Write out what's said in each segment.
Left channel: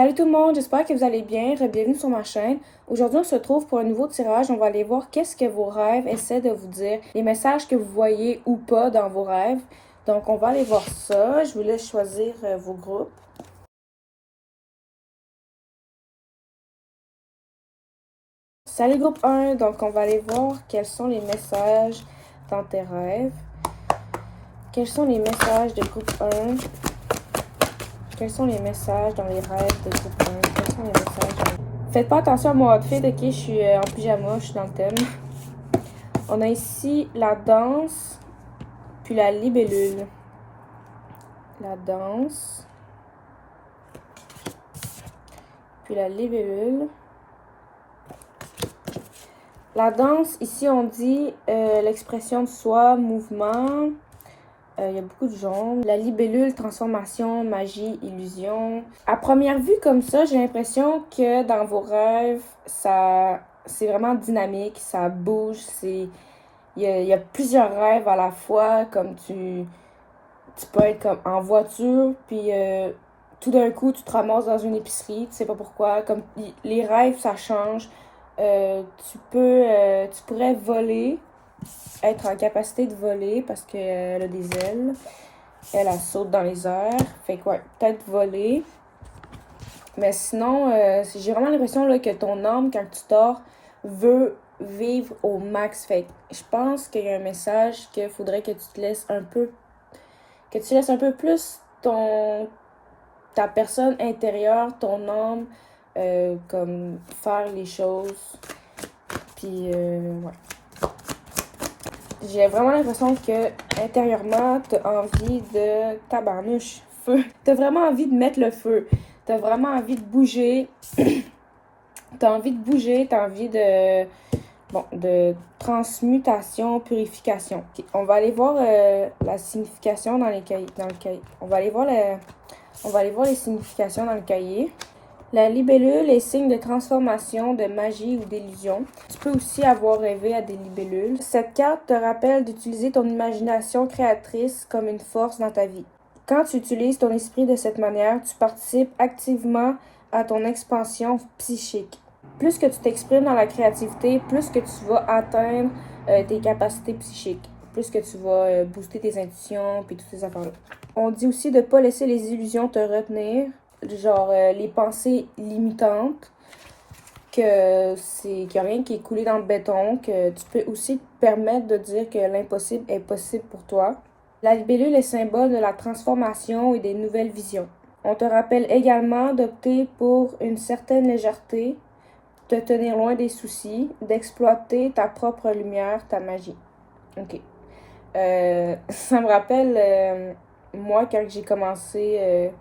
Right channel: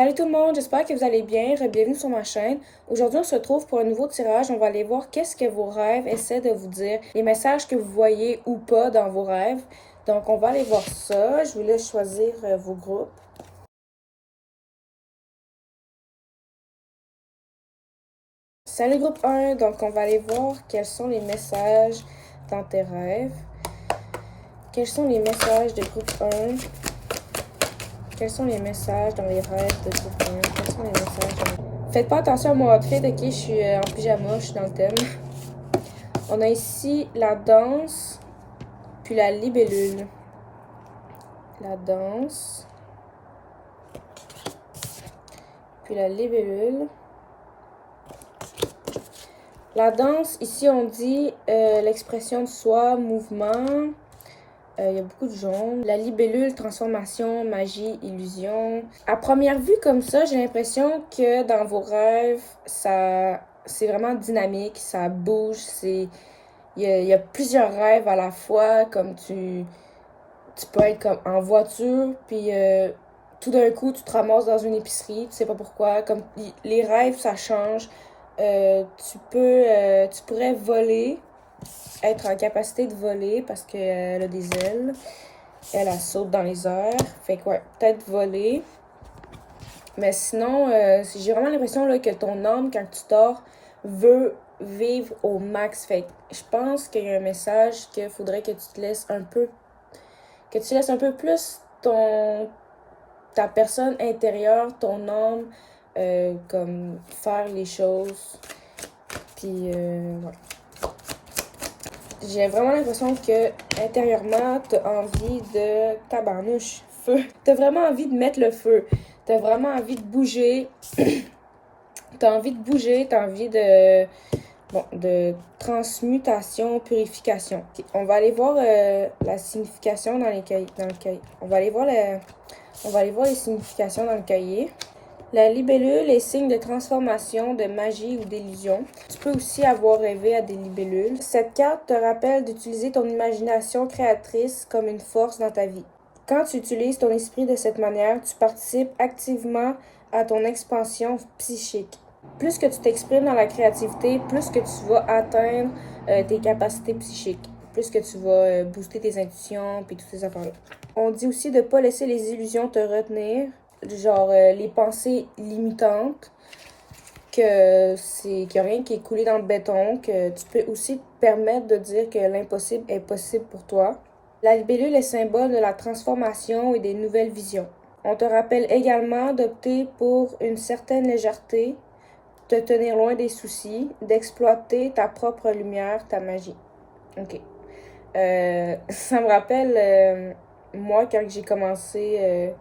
Salut tout le monde, j'espère que vous allez bien. Bienvenue sur ma chaîne. Aujourd'hui, on se retrouve pour un nouveau tirage. On va aller voir qu'est-ce que vos rêves essaient de vous dire, les messages que vous voyez ou pas dans vos rêves. Donc, on va aller voir ça. Je vous laisse choisir vos groupes. Salut groupe 1, donc on va aller voir quels sont les messages dans tes rêves. Quels sont les messages de groupe 1? Quels sont les messages dans les rêves de groupe 1? Quels sont les messages dans... Faites pas attention à mon outfit, ok? Je suis en pyjama, je suis dans le thème. On a ici la danse, puis la libellule. La danse, puis la libellule. La danse, ici on dit l'expression de soi, mouvement. Il y a beaucoup de genres. La libellule, transformation, magie, illusion. À première vue comme ça, j'ai l'impression que dans vos rêves, c'est vraiment dynamique, ça bouge. Il y a plusieurs rêves à la fois, comme tu peux être comme en voiture, puis tout d'un coup, tu te ramasses dans une épicerie, tu sais pas pourquoi. Comme les rêves, ça change. Tu pourrais voler, être en capacité de voler parce qu'elle a des ailes. Elle saute dans les airs. Fait que ouais, peut-être voler. Mais sinon, j'ai vraiment l'impression là, que ton âme, quand tu dors, veut vivre au max. Fait que je pense qu'il y a un message qu'il faudrait que tu te laisses un peu... Que tu laisses un peu plus ta personne intérieure, ton âme, comme faire les choses. Puis, ouais. J'ai vraiment l'impression que intérieurement, t'as envie de tabarnouche, feu. T'as vraiment envie de mettre le feu. T'as vraiment envie de bouger. T'as envie de bouger, t'as envie de transmutation, purification. Okay. On va aller voir la signification dans le cahier. On va aller voir les significations dans le cahier. La libellule est signe de transformation, de magie ou d'illusion. Tu peux aussi avoir rêvé à des libellules. Cette carte te rappelle d'utiliser ton imagination créatrice comme une force dans ta vie. Quand tu utilises ton esprit de cette manière, tu participes activement à ton expansion psychique. Plus que tu t'exprimes dans la créativité, plus que tu vas atteindre tes capacités psychiques. Plus que tu vas booster tes intuitions et toutes ces affaires-là. On dit aussi de ne pas laisser les illusions te retenir. Genre les pensées limitantes, qu'il n'y a rien qui est coulé dans le béton, que tu peux aussi te permettre de dire que l'impossible est possible pour toi. La libellule est symbole de la transformation et des nouvelles visions. On te rappelle également d'opter pour une certaine légèreté, de te tenir loin des soucis, d'exploiter ta propre lumière, ta magie. Ok. Ça me rappelle, moi, quand j'ai commencé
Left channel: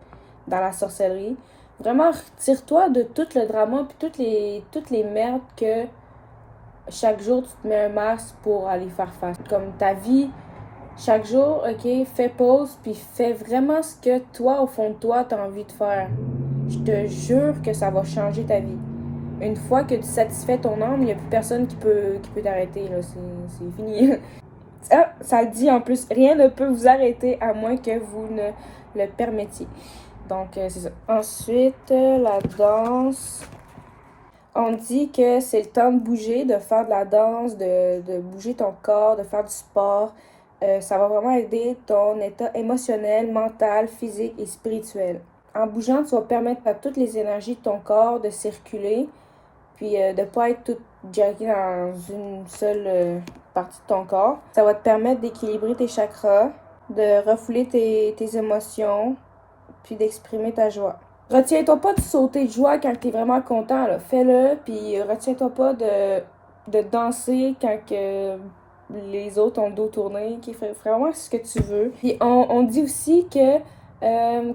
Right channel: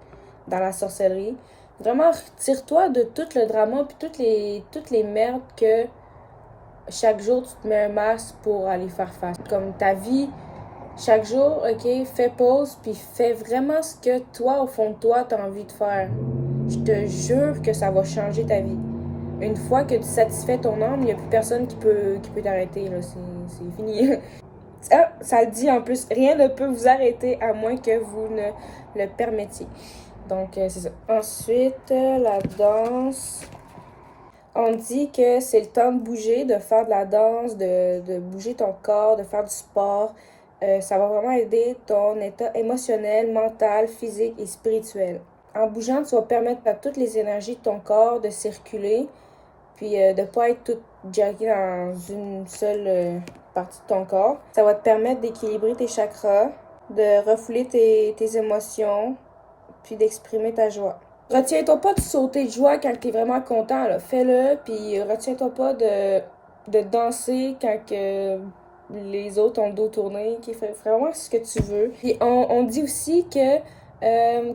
dans la sorcellerie. Vraiment, retire-toi de tout le drama puis toutes les merdes que chaque jour tu te mets un masque pour aller faire face. Comme ta vie, chaque jour, ok, fais pause puis fais vraiment ce que toi, au fond de toi, t'as envie de faire. Je te jure que ça va changer ta vie. Une fois que tu satisfais ton âme, il n'y a plus personne qui peut t'arrêter. C'est fini. Ah, ça le dit en plus, rien ne peut vous arrêter à moins que vous ne le permettiez. Donc, c'est ça. Ensuite, la danse. On dit que c'est le temps de bouger, de faire de la danse, de bouger ton corps, de faire du sport. Ça va vraiment aider ton état émotionnel, mental, physique et spirituel. En bougeant, tu vas permettre à toutes les énergies de ton corps de circuler, puis de ne pas être toute jackée dans une seule partie de ton corps. Ça va te permettre d'équilibrer tes chakras, de refouler tes émotions, puis d'exprimer ta joie. Retiens-toi pas de sauter de joie quand t'es vraiment content, là. Fais-le, puis retiens-toi pas de danser quand que les autres ont le dos tourné. Fais vraiment ce que tu veux. Puis on dit aussi que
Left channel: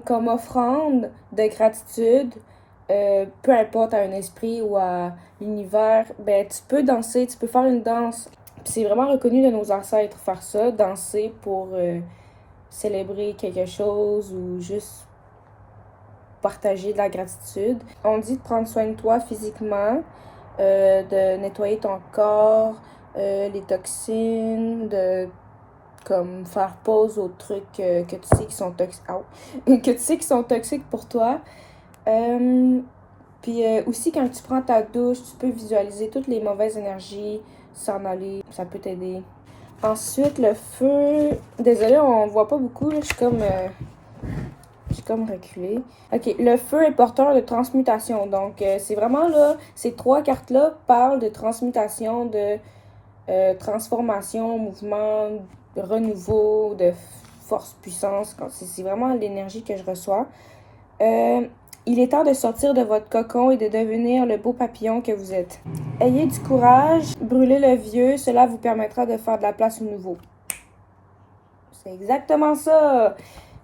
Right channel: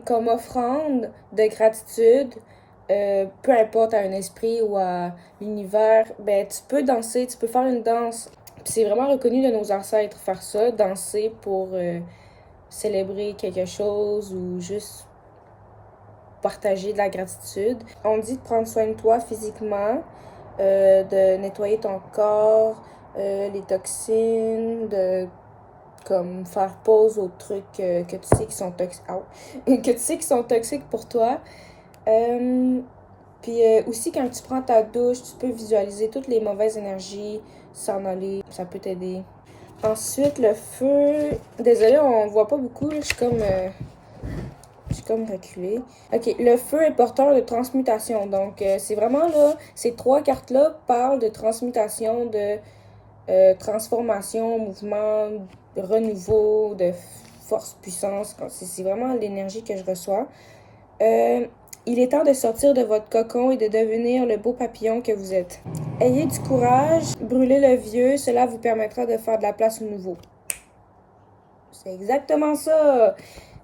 comme offrande de gratitude, peu importe à un esprit ou à l'univers, ben tu peux danser, tu peux faire une danse. Puis c'est vraiment reconnu de nos ancêtres faire ça, danser pour célébrer quelque chose ou juste partager de la gratitude. On dit de prendre soin de toi physiquement, de nettoyer ton corps, les toxines, de comme faire pause aux trucs que tu sais qui sont toxiques que tu sais qui sont toxiques pour toi. Puis aussi, quand tu prends ta douche, tu peux visualiser toutes les mauvaises énergies s'en aller. Ça peut t'aider. Ensuite, le feu. Désolée, on voit pas beaucoup. Là. Je suis comme reculée. Ok, le feu est porteur de transmutation. Donc, c'est vraiment là, ces 3 cartes-là parlent de transmutation, de transformation, mouvement, renouveau, de force, puissance. C'est vraiment l'énergie que je reçois. Il est temps de sortir de votre cocon et de devenir le beau papillon que vous êtes. Ayez du courage, brûlez le vieux, cela vous permettra de faire de la place au nouveau. C'est exactement ça!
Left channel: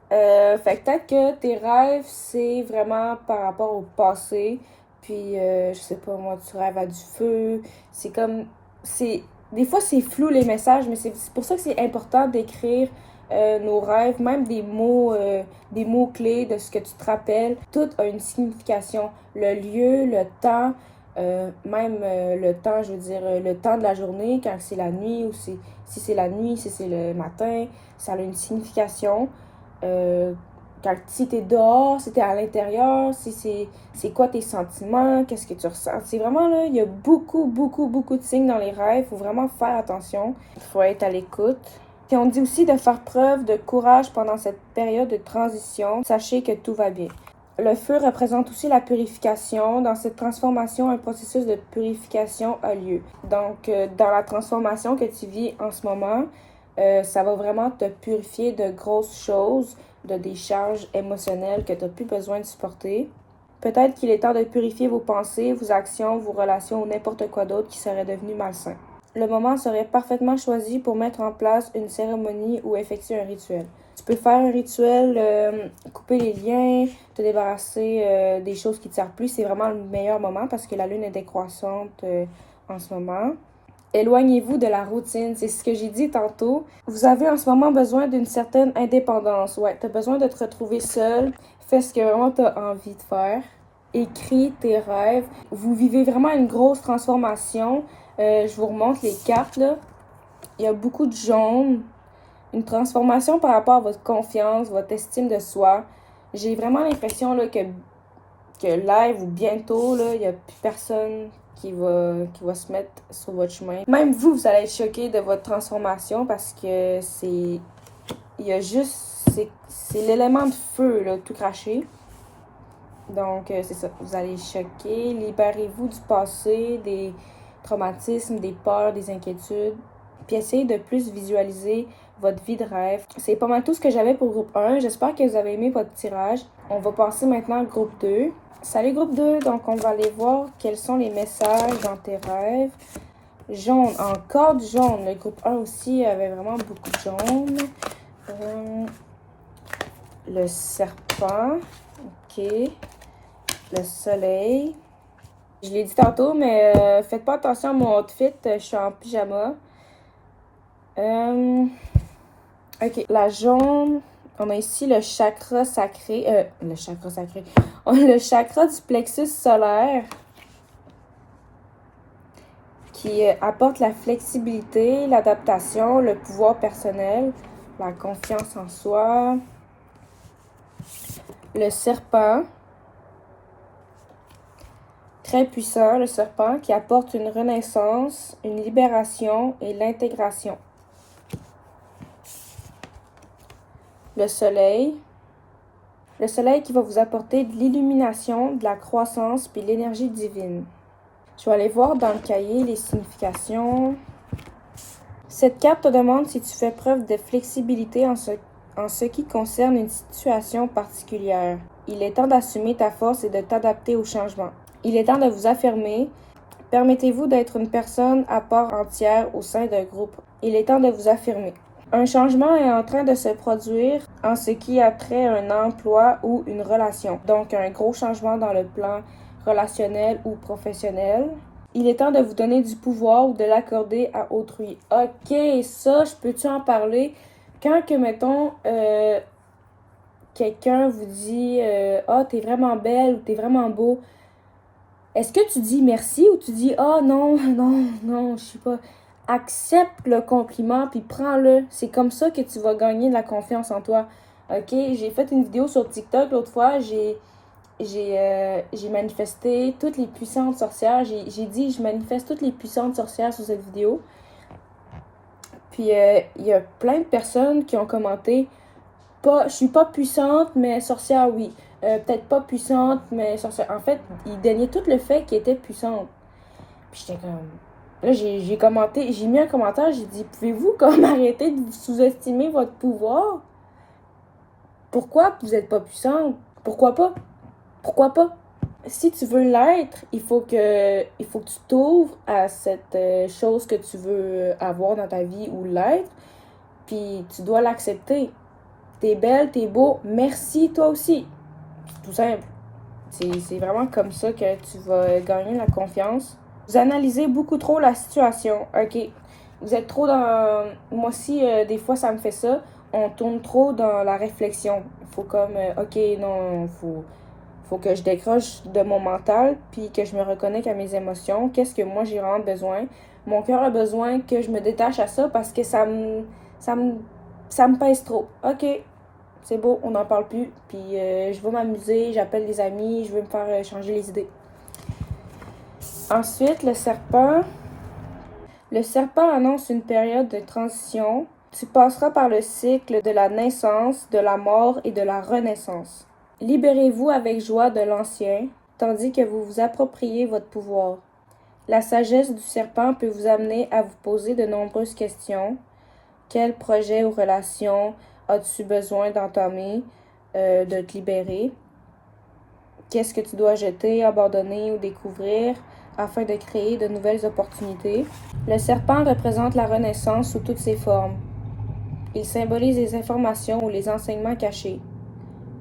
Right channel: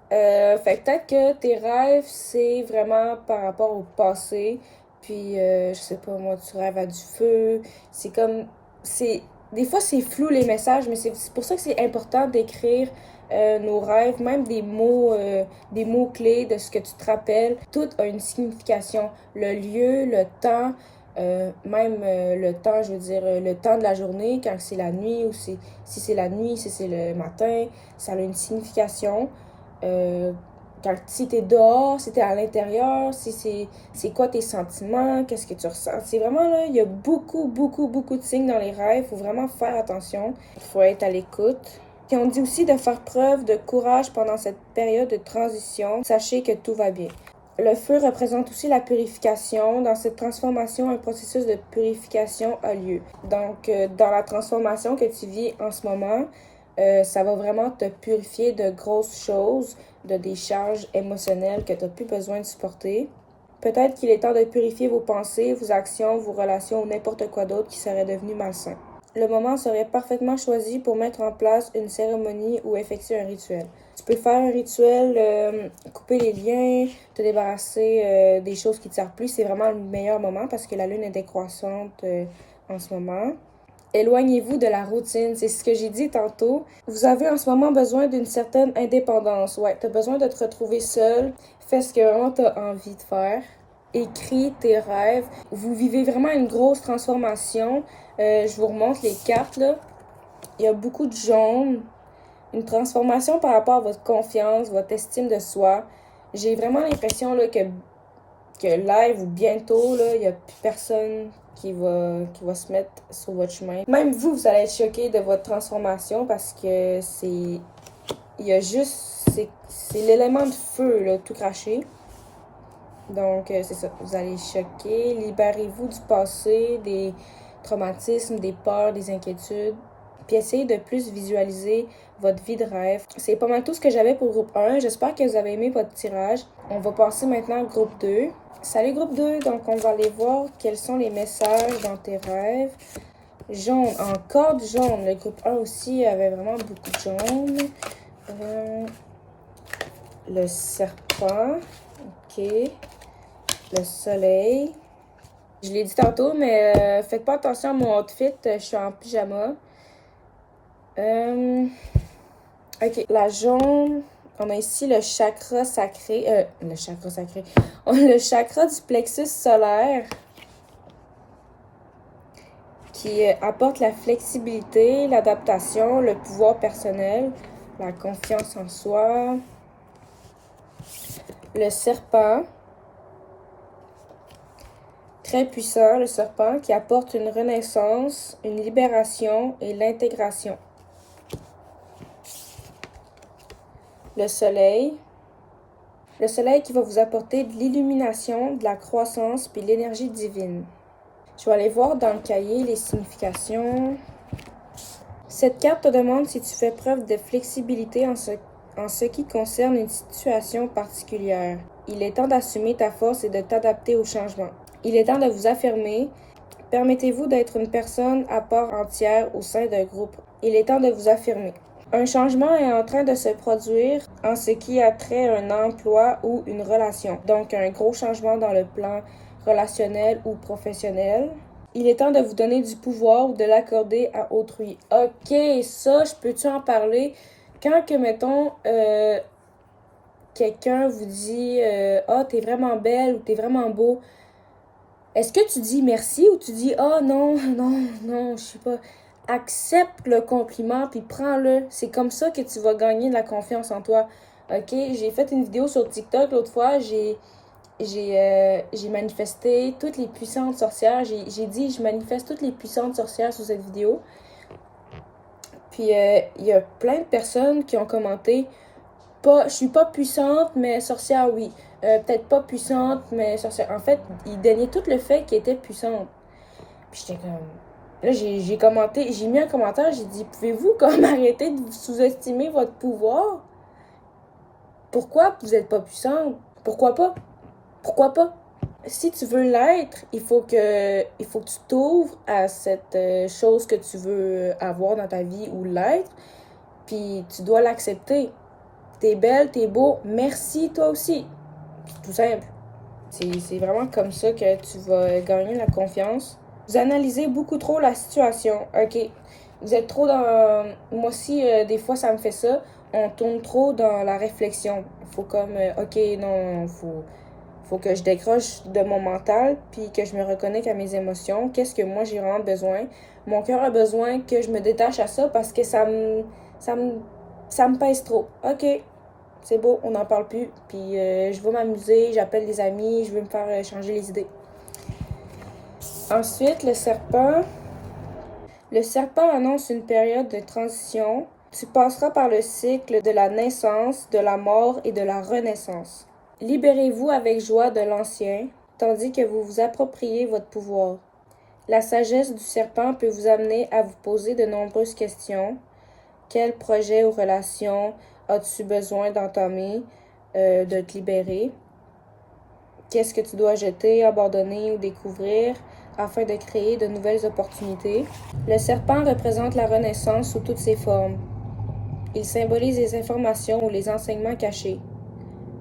Fait que peut-être que tes rêves, c'est vraiment par rapport au passé. Puis, je sais pas, moi, tu rêves à du feu. C'est comme... Des fois, c'est flou les messages, mais c'est pour ça que c'est important d'écrire nos rêves, même des mots-clés de ce que tu te rappelles. Tout a une signification. Le lieu, le temps, le temps, je veux dire, le temps de la journée, quand c'est la nuit, ou si c'est la nuit, si c'est le matin, ça a une signification. Si t'es dehors, si t'es à l'intérieur, c'est quoi tes sentiments, qu'est-ce que tu ressens. C'est vraiment là, il y a beaucoup de signes dans les rêves. Il faut vraiment faire attention. Il faut être à l'écoute. Puis on dit aussi de faire preuve de courage pendant cette période de transition. Sachez que tout va bien. Le feu représente aussi la purification. Dans cette transformation, un processus de purification a lieu. Donc, dans la transformation que tu vis en ce moment, ça va vraiment te purifier de grosses choses, de des charges émotionnelles que tu n'as plus besoin de supporter. Peut-être qu'il est temps de purifier vos pensées, vos actions, vos relations ou n'importe quoi d'autre qui serait devenu malsain. Le moment serait parfaitement choisi pour mettre en place une cérémonie ou effectuer un rituel. Tu peux faire un rituel, couper les liens, te débarrasser des choses qui ne te servent plus. C'est vraiment le meilleur moment parce que la lune est décroissante en ce moment. Éloignez-vous de la routine, c'est ce que j'ai dit tantôt. Vous avez en ce moment besoin d'une certaine indépendance. Ouais, tu as besoin de te retrouver seul. Fais ce que vraiment tu as envie de faire. Écris tes rêves. Vous vivez vraiment une grosse transformation. Je vous remontre les cartes, là. Il y a beaucoup de jaune. Une transformation par rapport à votre confiance, votre estime de soi. J'ai vraiment l'impression là, que live ou bientôt, là, il n'y a plus personne qui va se mettre sur votre chemin. Même vous allez être choqué de votre transformation parce que il y a juste, c'est l'élément de feu, là, tout craché. Donc, c'est ça, vous allez être choqué. Libérez-vous du passé, des traumatismes, des peurs, des inquiétudes. Puis essayez de plus visualiser votre vie de rêve. C'est pas mal tout ce que j'avais pour groupe 1. J'espère que vous avez aimé votre tirage. On va passer maintenant au groupe 2. Salut groupe 2, donc on va aller voir quels sont les messages dans tes rêves. Jaune, encore du jaune. Le groupe 1 aussi avait vraiment beaucoup de jaune. Le serpent, ok. Le soleil. Je l'ai dit tantôt, mais faites pas attention à mon outfit, je suis en pyjama. Ok, la jaune. On a ici le chakra sacré. Le chakra sacré. On a le chakra du plexus solaire qui apporte la flexibilité, l'adaptation, le pouvoir personnel, la confiance en soi. Le serpent. Très puissant, le serpent, qui apporte une renaissance, une libération et l'intégration. Le soleil. Le soleil qui va vous apporter de l'illumination, de la croissance puis l'énergie divine. Je vais aller voir dans le cahier les significations. Cette carte te demande si tu fais preuve de flexibilité en ce qui concerne une situation particulière. Il est temps d'assumer ta force et de t'adapter au changement. Il est temps de vous affirmer. Permettez-vous d'être une personne à part entière au sein d'un groupe. Il est temps de vous affirmer. Un changement est en train de se produire en ce qui a trait à un emploi ou une relation. Donc, un gros changement dans le plan relationnel ou professionnel. Il est temps de vous donner du pouvoir ou de l'accorder à autrui. Ok, ça, je peux-tu en parler? Quand que, mettons, quelqu'un vous dit « Ah, t'es vraiment belle » ou « T'es vraiment beau », est-ce que tu dis merci ou tu dis « Ah, non, je sais pas ». Accepte le compliment puis prends-le. C'est comme ça que tu vas gagner de la confiance en toi. Ok, j'ai fait une vidéo sur TikTok l'autre fois. j'ai manifesté toutes les puissantes sorcières. J'ai dit je manifeste toutes les puissantes sorcières sur cette vidéo. Puis il y a plein de personnes qui ont commenté je suis pas puissante, mais sorcière, oui. Peut-être pas puissante, mais sorcière. En fait, ils déniaient tout le fait qu'elle était puissante. Puis j'étais comme. Là, j'ai commenté, j'ai mis un commentaire, j'ai dit pouvez-vous comme arrêter de sous-estimer votre pouvoir? Pourquoi vous êtes pas puissante? Pourquoi pas? Pourquoi pas? Si tu veux l'être, il faut que tu t'ouvres à cette chose que tu veux avoir dans ta vie ou l'être, puis tu dois l'accepter. T'es belle, t'es beau, merci toi aussi. C'est tout simple. C'est vraiment comme ça que tu vas gagner la confiance. Vous analysez beaucoup trop la situation, ok? Vous êtes trop dans... Moi aussi, des fois, ça me fait ça. On tourne trop dans la réflexion. Il faut comme, ok, non, faut que je décroche de mon mental, puis que je me reconnecte à mes émotions. Qu'est-ce que moi, j'ai vraiment besoin? Mon cœur a besoin que je me détache à ça parce que ça me pèse trop. Ok, c'est beau, on n'en parle plus. Puis je vais m'amuser, j'appelle des amis, je veux me faire changer les idées. Ensuite, le serpent. Le serpent annonce une période de transition. Tu passeras par le cycle de la naissance, de la mort et de la renaissance. Libérez-vous avec joie de l'ancien, tandis que vous vous appropriez votre pouvoir. La sagesse du serpent peut vous amener à vous poser de nombreuses questions. Quel projet ou relation as-tu besoin d'entamer, de te libérer? Qu'est-ce que tu dois jeter, abandonner ou découvrir afin de créer de nouvelles opportunités? Le serpent représente la renaissance sous toutes ses formes. Il symbolise les informations ou les enseignements cachés,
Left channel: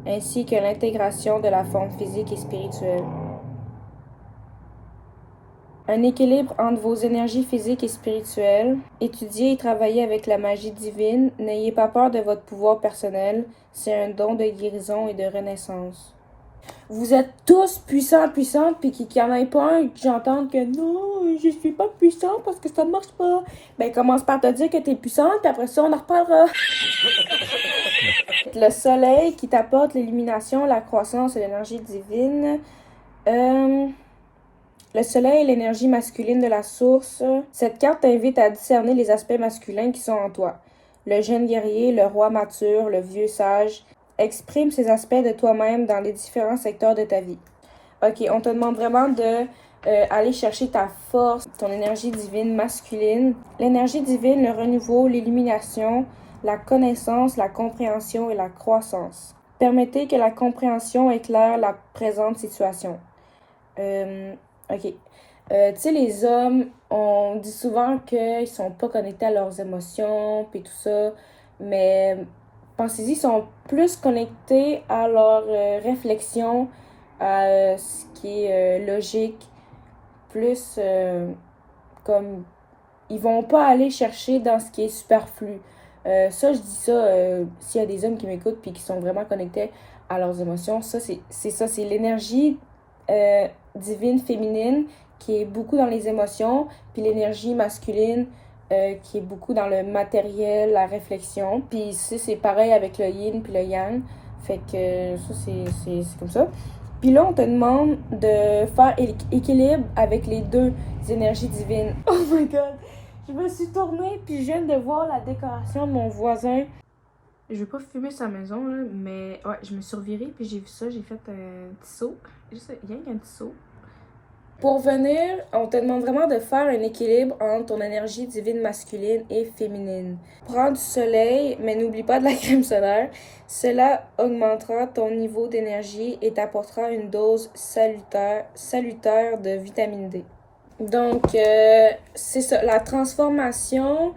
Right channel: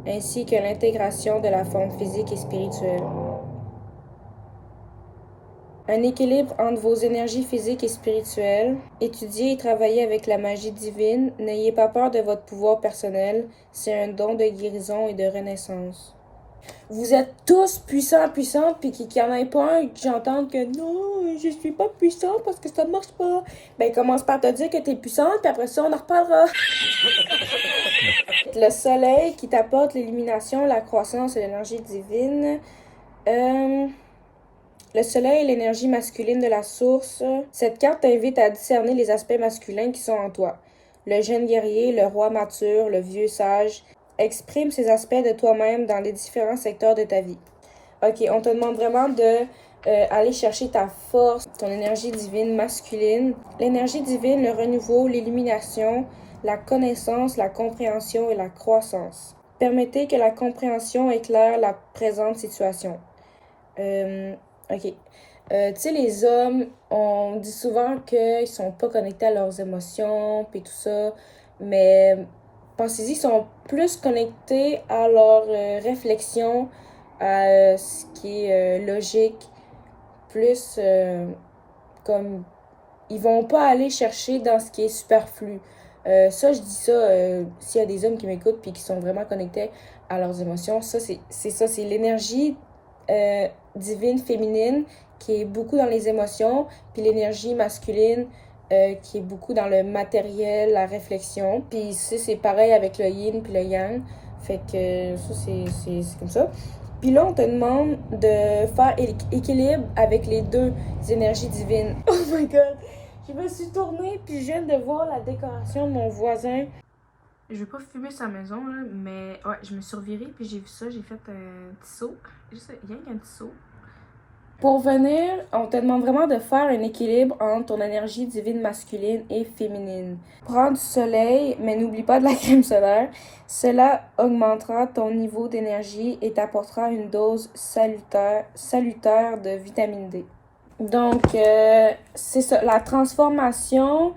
ainsi que l'intégration de la forme physique et spirituelle. Un équilibre entre vos énergies physiques et spirituelles. Étudiez et travaillez avec la magie divine. N'ayez pas peur de votre pouvoir personnel. C'est un don de guérison et de renaissance. Vous êtes tous puissants, puissantes, puis qu'il n'y en ait pas un qui j'entende que non, je suis pas puissante parce que ça marche pas. Ben, commence par te dire que t'es puissante, puis après ça, on en reparlera. Le soleil qui t'apporte l'illumination, la croissance et l'énergie divine. Le soleil est l'énergie masculine de la source. Cette carte t'invite à discerner les aspects masculins qui sont en toi. Le jeune guerrier, le roi mature, le vieux sage. Exprime ces aspects de toi-même dans les différents secteurs de ta vie. Ok, on te demande vraiment de aller chercher ta force, ton énergie divine masculine. L'énergie divine, le renouveau, l'illumination, la connaissance, la compréhension et la croissance. Permettez que la compréhension éclaire la présente situation. Ok. Tu sais, les hommes, on dit souvent qu'ils sont pas connectés à leurs émotions, puis tout ça, mais pensez-y, ils sont plus connectés à leur réflexion, à ce qui est logique, plus comme ils vont pas aller chercher dans ce qui est superflu. Ça, je dis ça, s'il y a des hommes qui m'écoutent puis qui sont vraiment connectés à leurs émotions, ça, c'est l'énergie divine féminine qui est beaucoup dans les émotions, puis l'énergie masculine qui est beaucoup dans le matériel, la réflexion. Puis ici, c'est pareil avec le yin puis le yang. Fait que ça, c'est comme ça. Puis là, on te demande de faire équilibre avec les deux énergies divines. Oh my god! Je me suis tournée, puis je viens de voir la décoration de mon voisin. Je vais pas fumer sa maison, là, mais ouais, je me suis revirée, puis j'ai vu ça, j'ai fait un petit saut. Juste rien qu'un petit saut. Pour venir, on te demande vraiment de faire un équilibre entre ton énergie divine masculine et féminine. Prends du soleil, mais n'oublie pas de la crème solaire. Cela augmentera ton niveau d'énergie et t'apportera une dose salutaire de vitamine D. Donc, c'est ça, la transformation,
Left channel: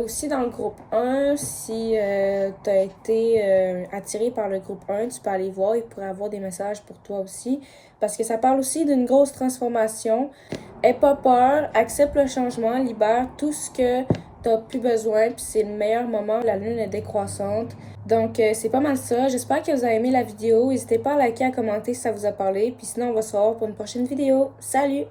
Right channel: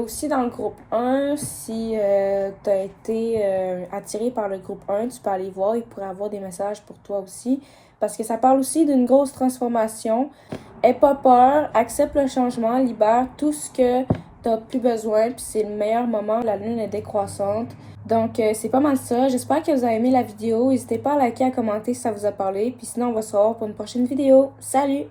aussi dans le groupe 1, si tu as été attiré par le groupe 1, tu peux aller voir, il pourrait avoir des messages pour toi aussi, parce que ça parle aussi d'une grosse transformation. Aie pas peur, accepte le changement, libère tout ce que tu n'as plus besoin, puis c'est le meilleur moment, la lune est décroissante. Donc, c'est pas mal ça. J'espère que vous avez aimé la vidéo. N'hésitez pas à liker, à commenter si ça vous a parlé. Puis sinon, on va se revoir pour une prochaine vidéo. Salut!